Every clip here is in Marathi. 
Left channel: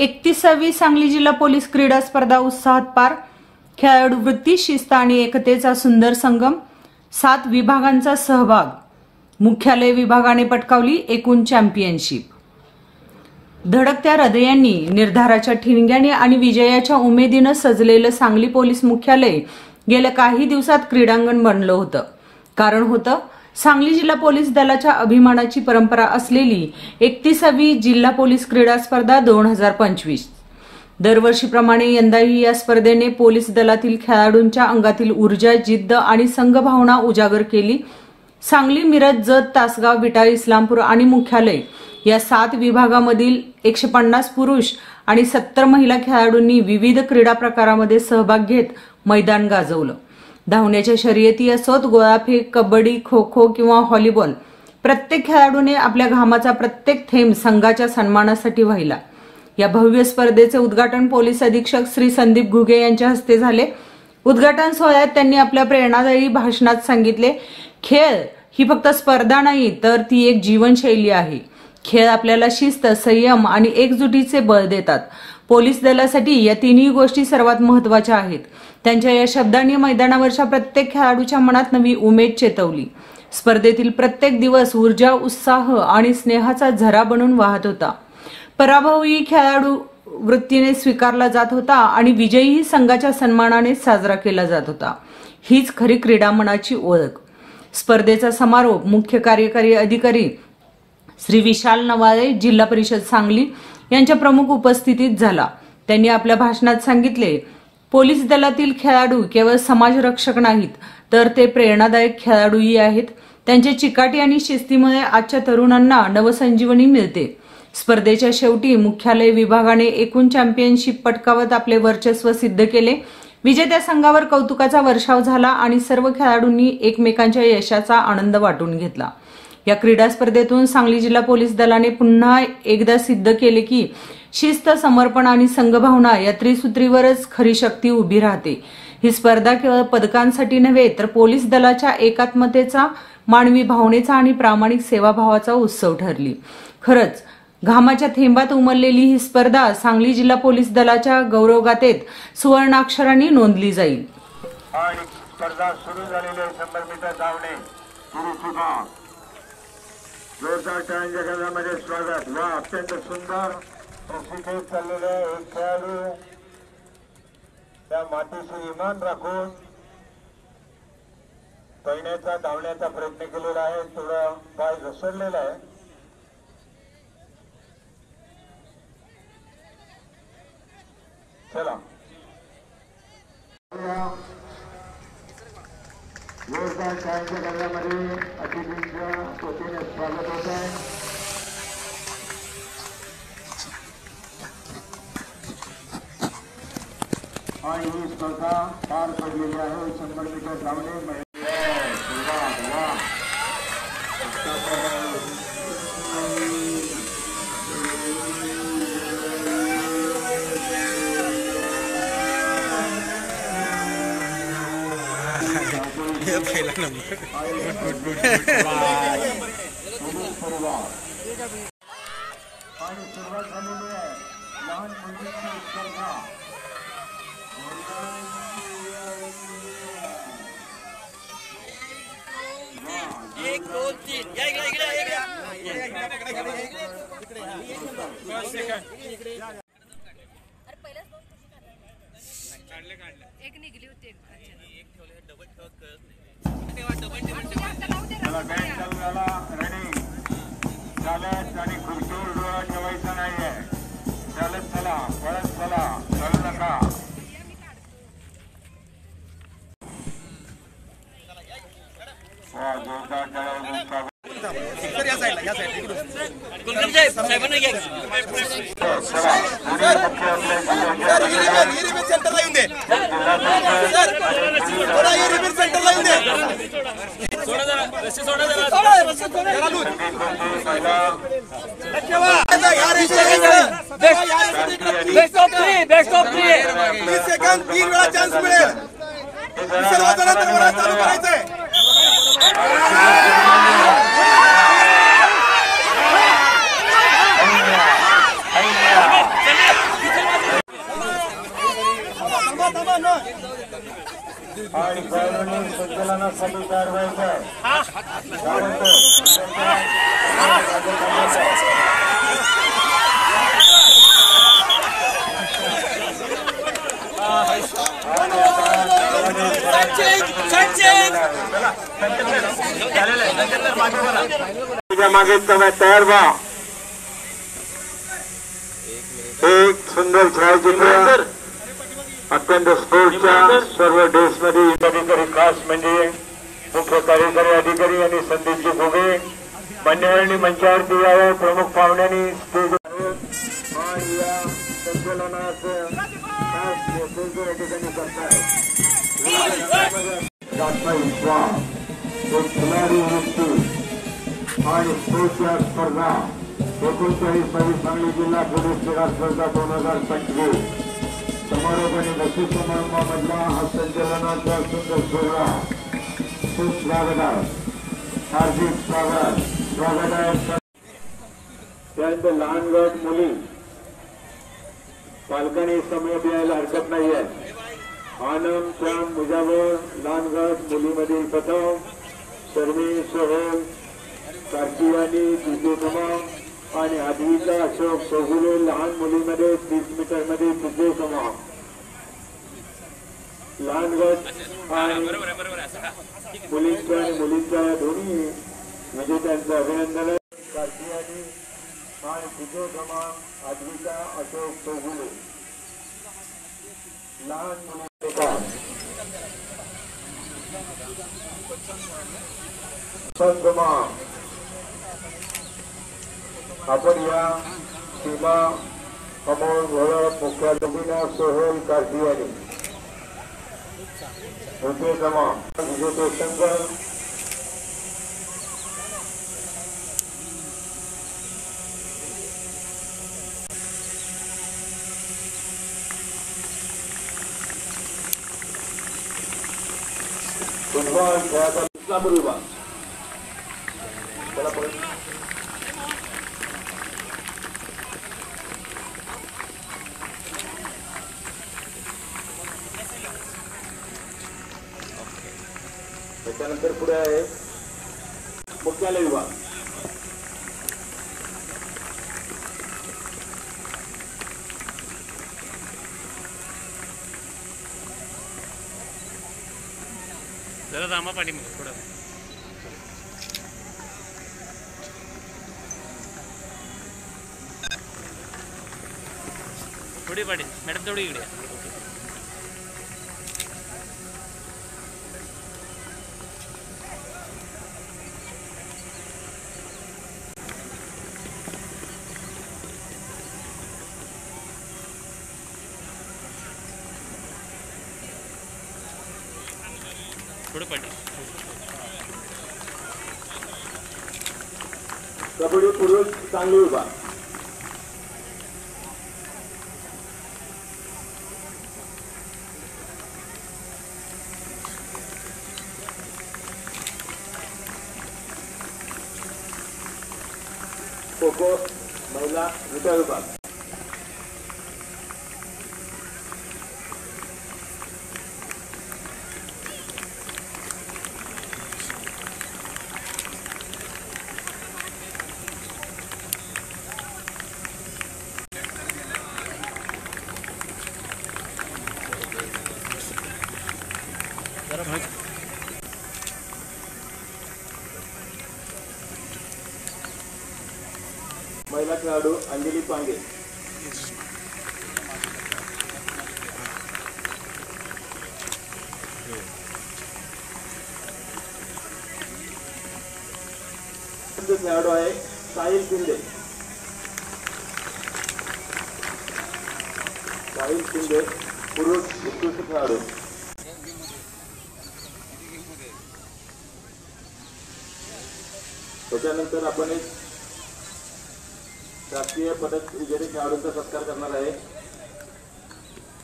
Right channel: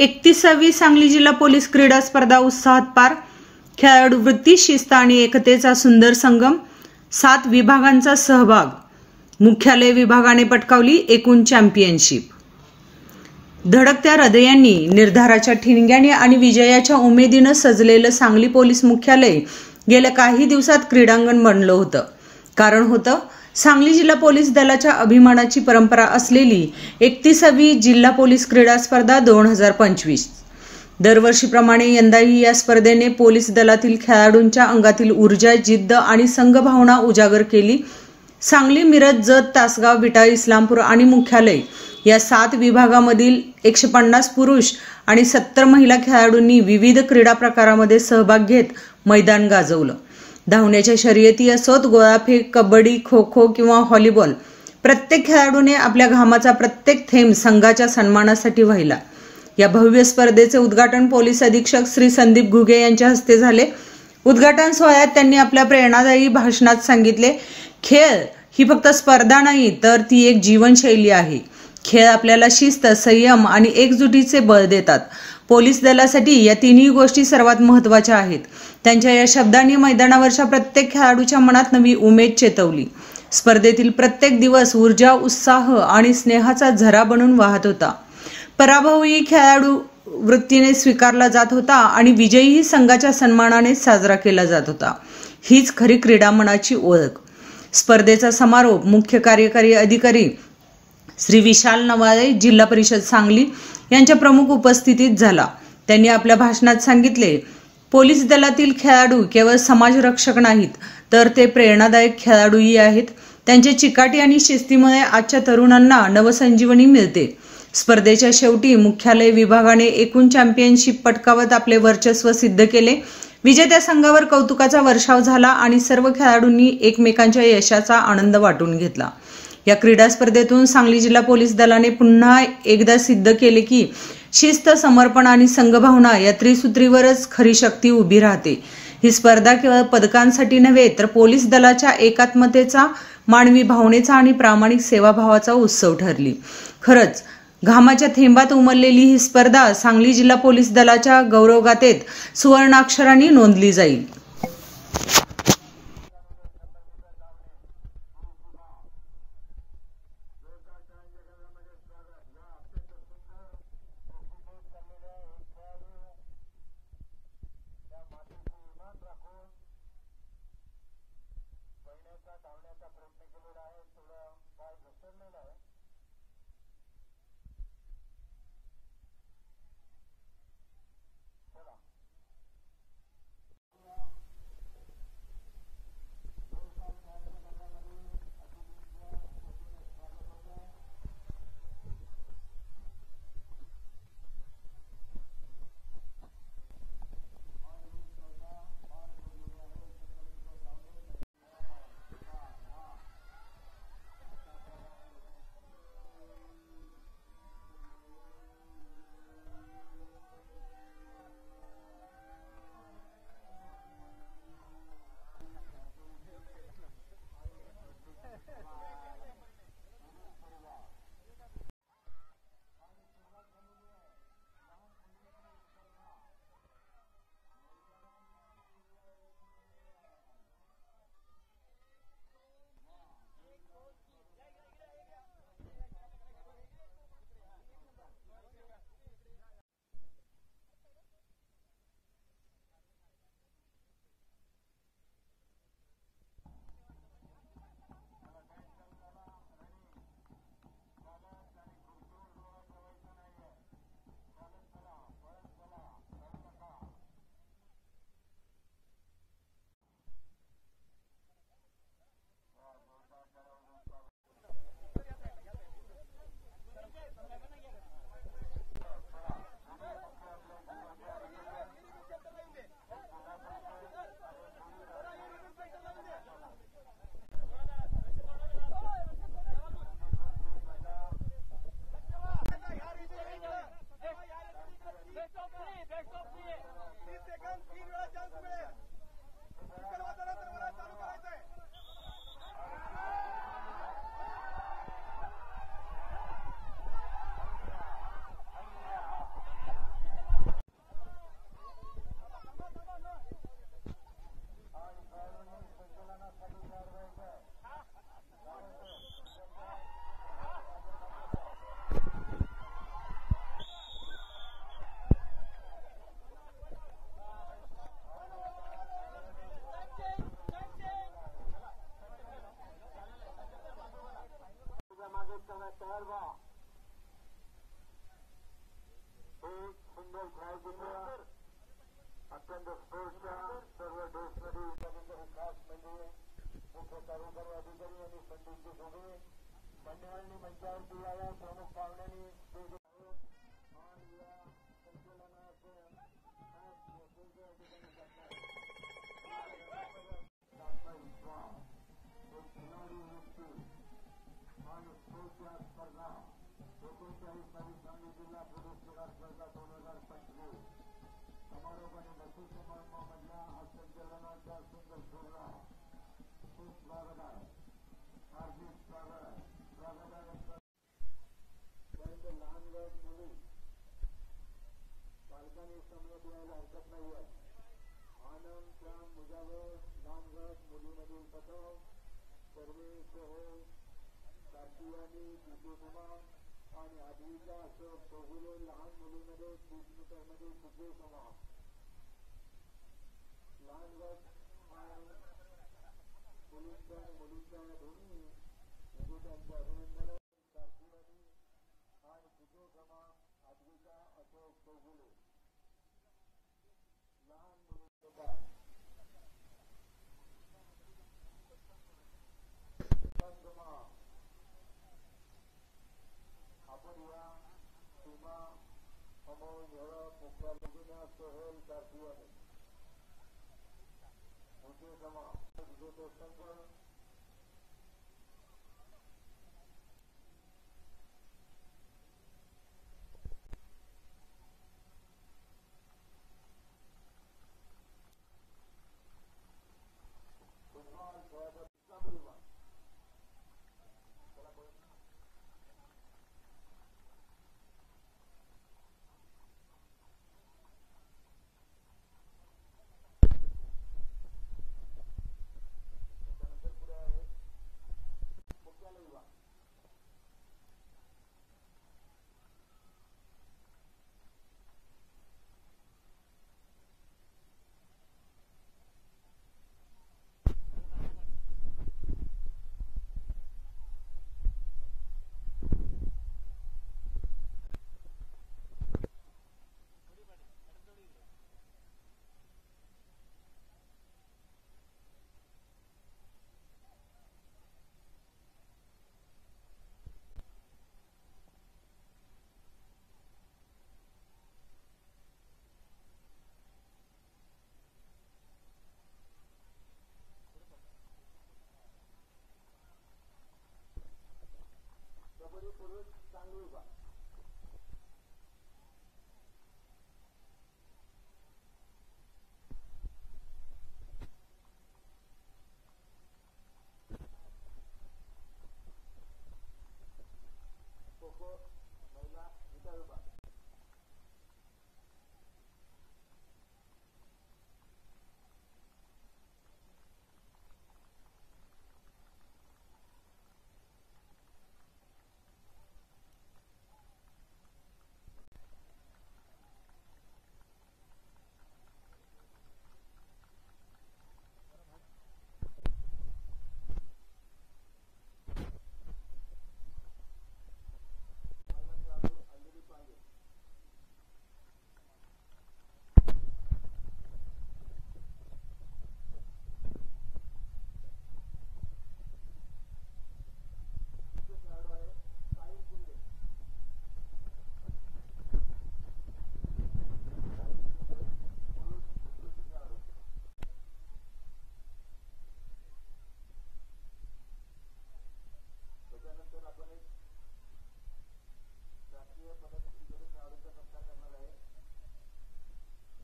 31वी सांगली जिल्हा पोलीस क्रीडा स्पर्धा उत्साहात पार। खेळाडू वृत्ती, शिस्त आणि एकतेचा सुंदर संगम। 7 विभागांचा सहभाग। मुख्यालय विभागाने पटकावली एकूण चॅम्पियनशिप। धडकत्या हृदयांनी, निर्धाराच्या ठिणग्याने आणि विजयाच्या उमेदीने सजलेलं सांगली पोलीस मुख्यालय गेल्या काही दिवसात क्रीडांगण बनलं होतं। कारण होतं सांगली जिल्हा पोलीस दलाच्या अभिमानाची परंपरा असलेली 31वी जिल्हा पोलीस क्रीडा स्पर्धा 2025। दरवर्षीप्रमाणे यंदाही या स्पर्धेने पोलीस दलातील खेळाडूंच्या अंगातील ऊर्जा, जिद्द आणि संघभावना उजागर केली। सांगली, मिरज, जत, तासगाव, विटा, इस्लामपूर आणि मुख्यालय या 7 विभागामधील 150 पुरुष आणि 70 महिला खेळाडूंनी विविध क्रीडा प्रकारामध्ये सहभाग घेत मैदान गाजवलं। धावण्याच्या शर्यती असोत, गोळाफेक, कबड्डी, खो खो किंवा व्हॉलीबॉल, प्रत्येक खेळाडूने आपल्या घामाचा प्रत्येक थेंब संघाच्या सन्मानासाठी वाहिला। या भव्य स्पर्धेचे उद्घाटन पोलीस अधीक्षक श्री संदीप घुगे यांच्या हस्ते झाले। उद्घाटन सोहळ्यात त्यांनी आपल्या प्रेरणादायी भाषणात सांगितले, खेळ ही फक्त स्पर्धा नाही, तर ती एक जीवनशैली आहे। खेळ आपल्याला शिस्त, संयम आणि एकजुटीचे बळ देतात। पोलीस दलासाठी या तिन्ही गोष्टी सर्वात महत्त्वाच्या आहेत। त्यांच्या या शब्दांनी मैदानावरच्या प्रत्येक खेळाडूच्या मनात नवी उमेद चेतवली। स्पर्धेतील प्रत्येक दिवस ऊर्जा, उत्साह आणि स्नेहाचा झरा बनून वाहत होता। पराभवही खेळाडू वृत्तीने स्वीकारला जात होता आणि विजयही संघाच्या सन्मानाने साजरा केला जात होता। हीच खरी क्रीडा मनाची ओळख। स्पर्धेचा समारोप मुख्य कार्यकारी अधिकारी श्री विशाल नवाळे, जिल्हा परिषद सांगली यांच्या प्रमुख उपस्थितीत झाला। त्यांनी आपल्या भाषणात सांगितले, पोलीस दलातील खेळाडू केवळ समाजरक्षक नाहीत, तर ते प्रेरणादायक खेळाडूही आहेत। त्यांच्या चिकाटी आणि शिस्तीमुळे आजच्या तरुणांना नवसंजीवनी मिळते। स्पर्धेच्या शेवटी मुख्यालय विभागाने एकूण चॅम्पियनशिप पटकावत आपले वर्चस्व सिद्ध केले। विजेत्या संघावर कौतुकाचा वर्षाव झाला आणि सर्व खेळाडूंनी एकमेकांच्या यशाचा आनंद वाटून घेतला। या क्रीडा स्पर्धेतून सांगली जिल्हा पोलीस दलाने पुन्हा एकदा सिद्ध केले की शिस्त, समर्पण आणि संघभावना या त्रिसूत्रीवरच खरी शक्ती उभी राहते। ही स्पर्धा केवळ पदकांसाठी नव्हे, तर पोलीस दलाच्या एकात्मतेचा, मानवी भावनेचा आणि प्रामाणिक सेवाभावाचा उत्सव ठरली। खरंच घामाच्या थेंबात उमललेली ही स्पर्धा सांगली जिल्हा पोलीस दलाच्या गौरवगाथेत सुवर्णाक्षरांनी नोंदली जाईल। जोरदार टाळ्यांच्या गजरामध्ये स्वागत। वा, अत्यंत सुंदर प्रशिक्षित चाललेले एक खेळाडू त्या मातीशी इमान राखून पळण्याचा, धावण्याचा प्रयत्न केलेला आहे। थोडा पाय घसरलेला आहे। चला, जोरदार टाळ्यांच्या गजरामध्ये अतिथींच्या वतीने स्वागत होत आहे। आणि ही स्पर्धा पार पडलेली आहे। 100 मीटर धावणे पहिला नंबर आणि सुरुवात झालेली आहे लहान मुलींची स्पर्धा। 1 2 3 या इकडे एक निघली होती, एक ठेवले, डबल ठेवत कळत नाही। त्याला बॅट चालू झाला, रेडी चालत आणि खुर्चीवर डोळा ठेवायचा नाहीये। चालत चला, पळत चला, चालू नका। जोरदार टाळ्या बेस्ट ऑफ 3 30 सेकंद 3 वेळा चान्स मिळेल। सर्वजणांना चालू करायचंय। पोलिसांनी कारवाईचा मागे तयार व्हा. एक सुंदर छायाचित्र अत्यंत स्पोर्टच्या सर्व ड्रेसमध्ये अधिकारी खास म्हणजे मुख्य कार्यकारी अधिकारी आणि संदीपजी घोगे मान्यवरांनी मंचावरती यावं. प्रमुख पाहुण्यांनी स्टेज या संचलनाचं खास नेतृत्व या ठिकाणी करतात. एक खिलाडी वृत्ती आणि स्पोर्टच्या स्पर्धा 39 सांगली जिल्हा पोलीस क्रीडा स्पर्धा 2025 समारोपाने बक्षीस समारंभामधला हा संचलनाचा सुंदर सोहळा खूप स्वागत आहे. हार्दिक स्वागत आहे. त्यानंतर लहान गट मुली पालकांनी समोर यायला हरकत नाही आहे. आनंद श्याम मुजावर लहान गट मुलीमध्ये प्रथम शर्मी सोहेल कार्तियानी द्वितीय क्रमांक आणि आदवीचा अशोक चौगुले लहान मुलीमध्ये 30 मीटरमध्ये तृतीय क्रमांक. लहान गट आणि मुलींच्या आणि मुलींच्या दोन्ही विजेत्यांचं अभिनंदन. कार्तियानी आणि तृतीय क्रमांक आदवीचा अशोक चौगुले लहान मुली. आपण या सीमा अमोल भरत मुख्याधिकारी सोहेल कार्तियानी द्वितीय क्रमांक विजेते शंकर फुटबॉल खेळाचा इस्लामपूर विभाग त्याच्यानंतर पुढे आहे मुख्यालय विभाग. जरा जामा पाठी मग थोडं थोडी पाठी मॅडम तेवढी इकडे. थोडं पाठी. कबड्डी पुरुष सांगली विभाग. खो खो महिला विटा विभाग. महिला खेळाडू अंजली पांगे. खेळाडू आहे साहिल शिंदे. साहिल शिंदे पुरुष उत्कृष्ट खेळाडू. त्याच्यानंतर आपण एक राष्ट्रीय पदक विजेते खेळाडूंचा सत्कार करणार आहे.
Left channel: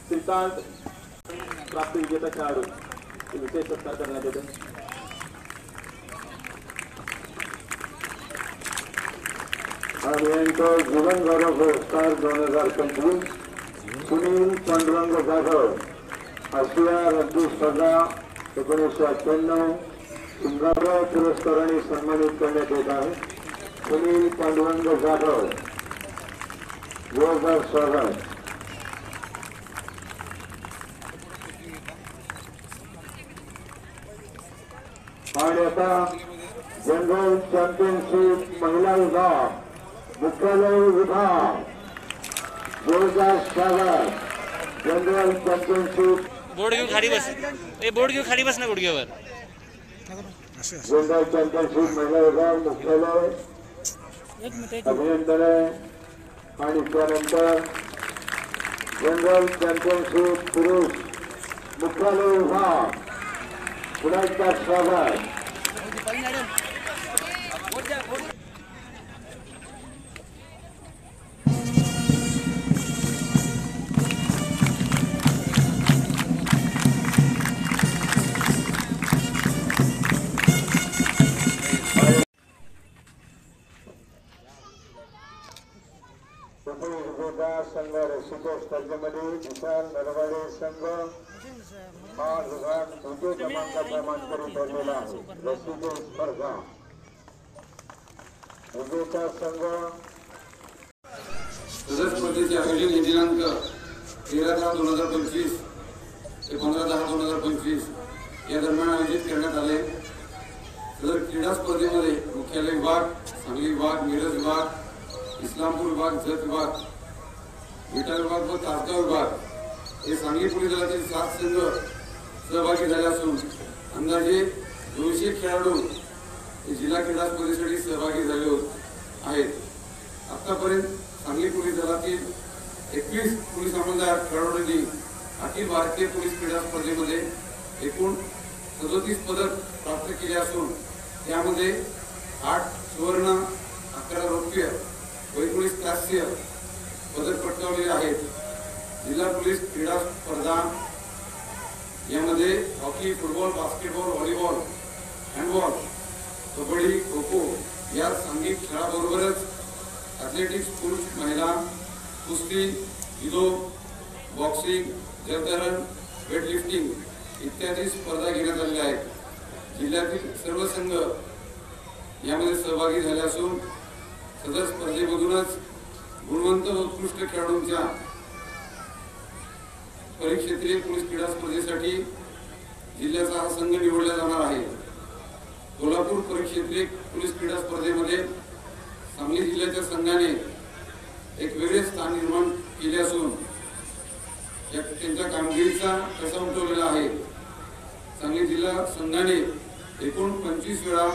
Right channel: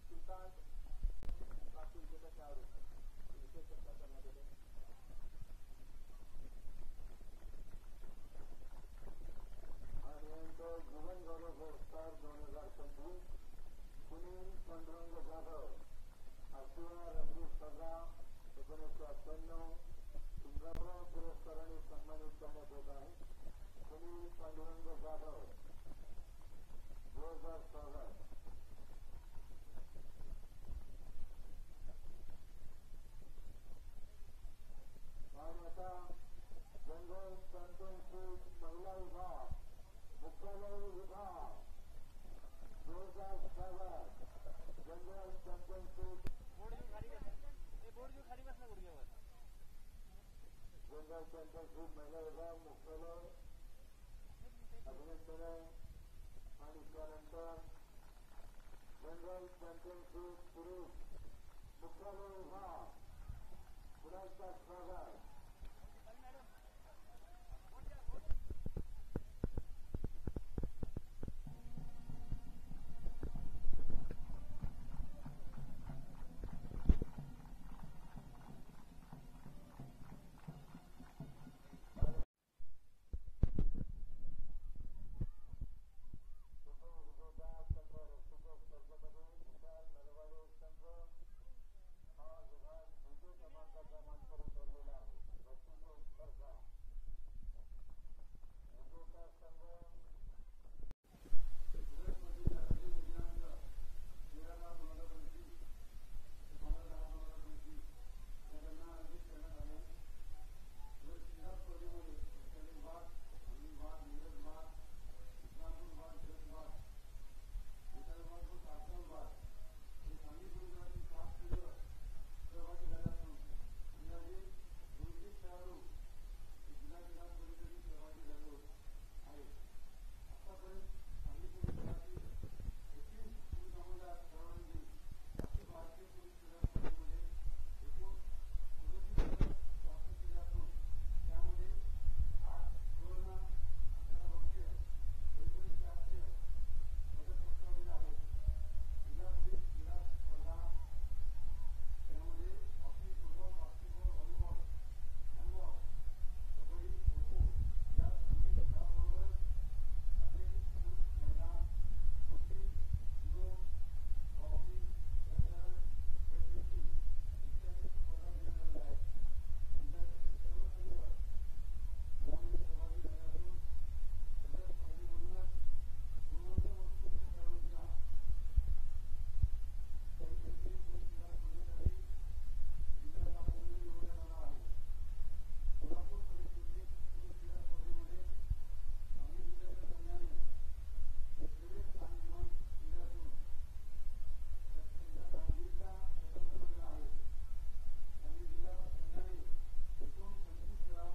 श्रीकांत प्राप्त विजेता खेळाडू विशेष सत्कार करण्यात येते. अभियंता जीवन गौरव पुरस्कार 2025 सुनील पांडुरंग जाधव आशिया रग्बी स्पर्धा 1998 सिंगाराव पुरस्काराने सन्मानित करण्यात येत आहे. सुनील पांडुरंग जाधव, जोरदार स्वागत. आणि आता जनरल चॅम्पियनशिप महिला विभाग मुख्यालय विभाग, जोरदार स्वागत. जनरल चॅम्पियनशिप बोर्ड घेऊन खाली बस. बोर्ड घेऊन खाली बस ना गुडघ्यावर. जनरल चॅम्पियनशिप महिला विभाग मुख्यालय अभिनंदन आहे. आणि त्यानंतर जनरल चॅम्पियनशिप पुरुष मुख्यालय विभाग पुन्हा एकदा स्वागत. संघ रसिको स्पर्धेमध्ये विशाल नरवाडे संघ हा विभाग द्वितीय क्रमांकाचा मानकरी ठरलेला आहे. रसिको स्पर्धा विजेता संघ सदर स्पर्धेचे आयोजन हे दिनांक 13/10/2025 ते 15/10/2025 या दरम्यान आयोजित करण्यात आले. सदर क्रीडा स्पर्धेमध्ये मुख्यालय विभाग, सांगली विभाग, मिरज विभाग, इस्लामपूर विभाग, जत विभाग, विटा विभाग व तासगाव विभाग हे सांगली पोलीस दलातील 7 संघ सहभागी झाले असून अंदाजे 200 खेळाडू हे जिल्हा क्रीडा स्पर्धेसाठी सहभागी झाले आहेत. आतापर्यंत सांगली पोलीस दलातील 21 पोलीस अंमलदार खेळाडूंनी अखिल भारतीय पोलीस क्रीडा स्पर्धेमध्ये एकूण 37 पदक प्राप्त केले असून त्यामध्ये 8 सुवर्ण, 11 रौप्य व 19 कांस्य पदक पटकावलेले आहेत. जिल्हा पोलीस क्रीडा स्पर्धा यामध्ये hockey, football, basketball, volleyball, handball, kabaddi, kho kho या सांघिक खेळाबरोबरच ॲथलेटिक्स, पुरुष, महिला, कुस्ती, जुदो, बॉक्सिंग, जलतरण, वेटलिफ्टिंग इत्यादी स्पर्धा घेण्यात आलेल्या आहेत. जिल्ह्यातील सर्व संघ यामध्ये सहभागी झाले असून सदर स्पर्धेमधूनच गुणवंत व उत्कृष्ट खेळाडूंच्या परिक्षेत्रीय पोलीस क्रीडा स्पर्धेसाठी जिल्ह्याचा हा संघ निवडला जाणार आहे. कोल्हापूर परिक्षेत्रीय पोलीस क्रीडा स्पर्धेमध्ये सांगली जिल्ह्याच्या संघाने एक वेगळे स्थान निर्माण केले असून त्यांच्या कामगिरीचा ठसा उमटवलेला आहे. सांगली जिल्हा संघाने एकूण 25 वेळा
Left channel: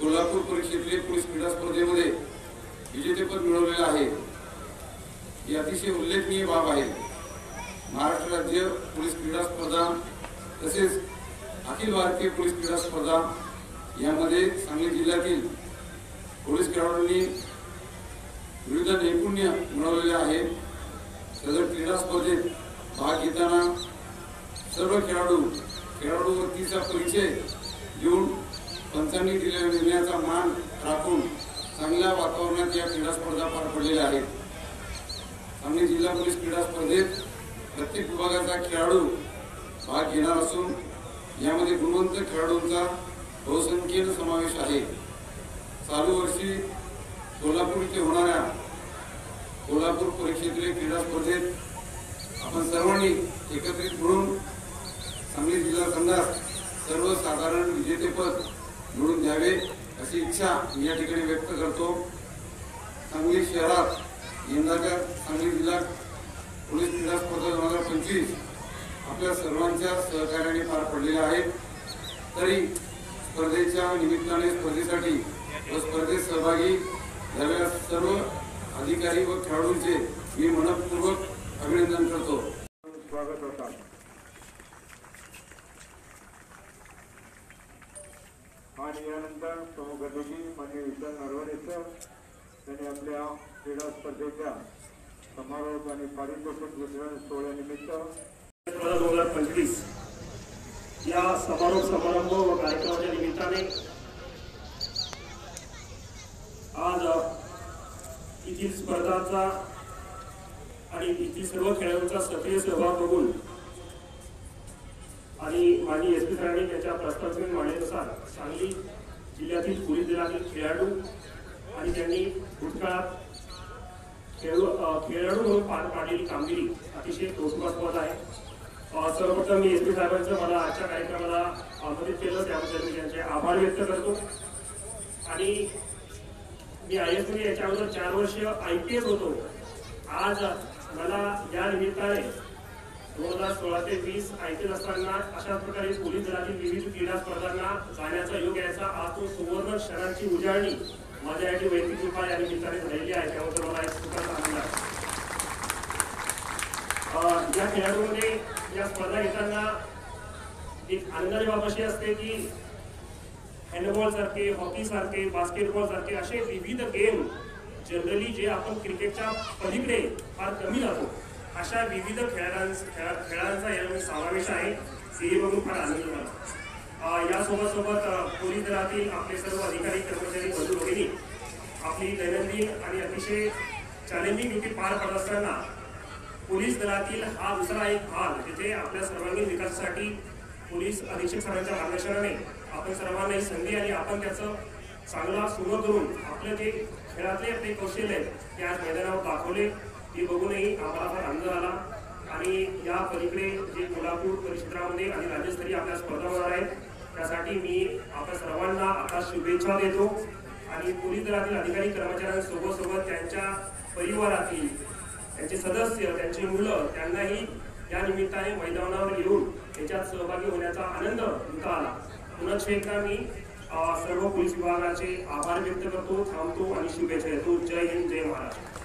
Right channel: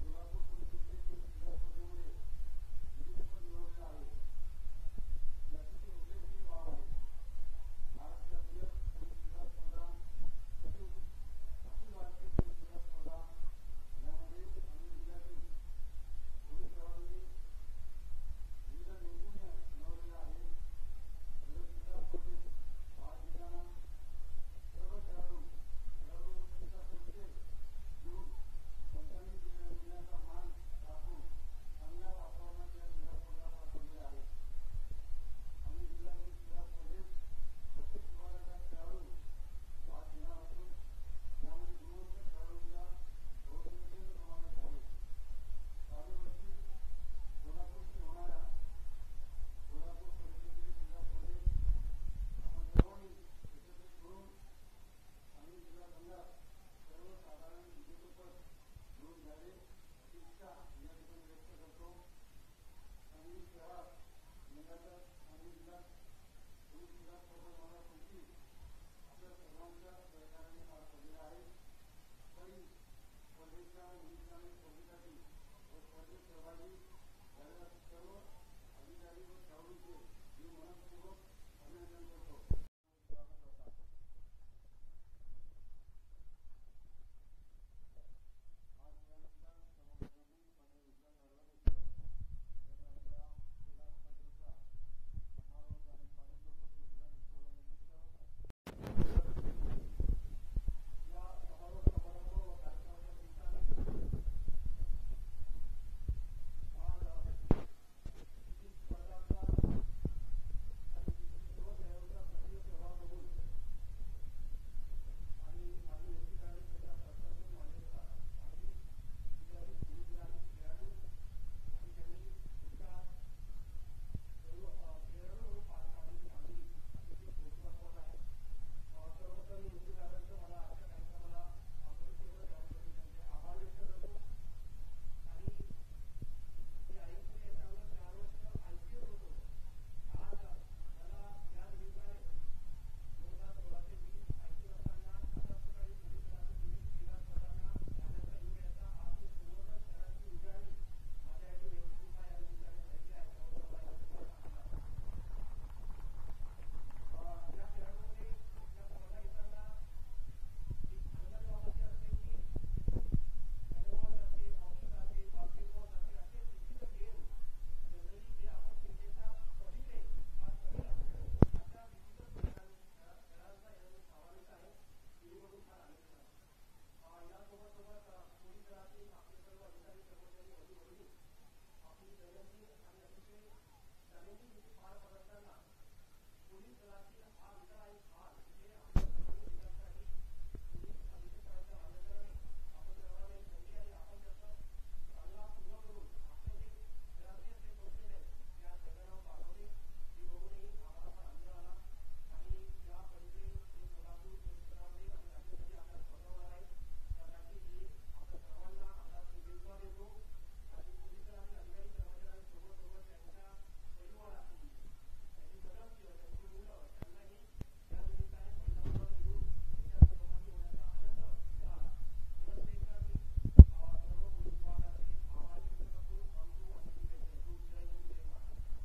कोल्हापूर परिक्षेत्रीय पोलीस क्रीडा स्पर्धेमध्ये विजेतेपद मिळवलेले आहे. ही अतिशय उल्लेखनीय बाब आहे. महाराष्ट्र राज्य पोलीस क्रीडा स्पर्धा तसेच अखिल भारतीय पोलीस क्रीडा स्पर्धा यामध्ये सांगली जिल्ह्यातील पोलीस खेळाडूंनी विविध नैपुण्य मिळवलेले आहे. सदर क्रीडा स्पर्धेत भाग घेताना सर्व खेळाडू वृत्तीचा परिचय देऊन पंचांनी दिलेल्या निर्णयाचा मान राखून चांगल्या वातावरणात या क्रीडा स्पर्धा पार पडलेल्या आहेत. सांगली जिल्हा पोलीस क्रीडा स्पर्धेत प्रत्येक विभागाचा खेळाडू भाग घेणार असून यामध्ये गुणवंत खेळाडूंचा बहुसंख्येने समावेश आहे. चालू वर्षी कोल्हापूर येथे होणाऱ्या कोल्हापूर परिक्षेत्रीय क्रीडा स्पर्धेत आपण सर्वांनी एकत्रित मिळून सांगली जिल्हा संघास सर्वसाधारण विजेतेपद मिळवून द्यावे अशी इच्छा मी या ठिकाणी व्यक्त करतो. सांगली शहरात यंदाच्या सांगली जिल्हा पोलीस क्रीडा स्पर्धा 2025 आपल्या सर्वांच्या सहकार्याने पार पडलेल्या आहेत. तरी स्पर्धेच्या निमित्ताने स्पर्धेसाठी व स्पर्धेत सहभागी झालेल्या सर्व अधिकारी व खेळाडूंचे मी मनपूर्वक अभिनंदन करतो. स्वागत होता. आणि यानंतर प्रमुख अतिथी माननीय विशाल नरवाडे सर त्यांनी आपल्या क्रीडा स्पर्धेच्या समारोप आणि पारितोषिक वितरण सोहळ्यानिमित्त 2025 या समारोप समारंभ व कार्यक्रमाच्या निमित्ताने आज येथील स्पर्धांचा आणि येथील सर्व खेळाडूंचा सक्रिय सहभाग बघून आणि माननीय SP सरांनी त्यांच्या प्रस्तावित मांडण्यानुसार सांगली जिल्ह्यातील पोलीस दलातील खेळाडू आणि त्यांनी भूतकाळात खेळाडू म्हणून पार पाडलेली कामगिरी अतिशय कौतुकास्पद आहे. सर्वप्रथम मी SP साहेबांचं मला आजच्या कार्यक्रमाला आमंत्रित केलं त्याबद्दल मी त्यांचे आभार व्यक्त करतो. आणि मी IAS मध्ये याच्या अगोदर 4 वर्ष IPS होतो. आज मला या निमित्ताने 2016 ते 20 IPS असताना अशाच प्रकारे पोलीस दलातील विविध क्रीडा स्पर्धांना जाण्याचा योग यायचा आज तो सुवर्ण क्षणांची उजाळणी माझ्यासाठी वैयक्तिक कृपा या निमित्ताने झालेली आहे. त्याबद्दल मला एक खूपच आनंद आहे. या खेळाडूमध्ये या स्पर्धा घेताना एक आनंदाची बाब अशी असते की हँडबॉल सारखे, हॉकी सारखे, बास्केटबॉल सारखे असे विविध गेम जनरली जे आपण क्रिकेटच्या पलीकडे फार कमी जातो अशा विविध खेळांचा यामध्ये समावेश आहे. हे बघून फार आनंद झाला. यासोबत पोलीस दलातील आपले सर्व अधिकारी कर्मचारी बंधू भगिनी आपली दैनंदिन आणि अतिशय चॅलेंजिंग ड्युटी पार पडत असताना पोलीस दलातील हा दुसरा एक भाग जिथे आपल्या सर्वांगीण विकासासाठी पोलीस अधीक्षक सरांच्या मार्गदर्शनाने आपण सर्वांना ही संधी आणि आपण त्याचं चांगला सुरू करून आपलं जे खेळातले आपले कौशल्य आहेत ते आज मैदानावर दाखवले. हे बघूनही आम्हाला फार आनंद झाला. आणि या पलीकडे जे कोल्हापूर परिक्षेत्रामध्ये आणि राज्यस्तरीय आपल्या स्पर्धा होणार आहेत त्यासाठी मी आपल्या सर्वांना आता शुभेच्छा देतो. आणि पोलीस दलातील अधिकारी कर्मचाऱ्यांसोबत त्यांच्या परिवारातील त्यांचे सदस्य, त्यांची मुलं त्यांनाही या निमित्ताने मैदानावर येऊन त्याच्यात सहभागी होण्याचा आनंद घेता आला. पुनश्च एकदा मी सर्व पोलीस विभागाचे आभार व्यक्त करतो, थांबतो आणि शुभेच्छा देतो. जय हिंद, जय महाराष्ट्र.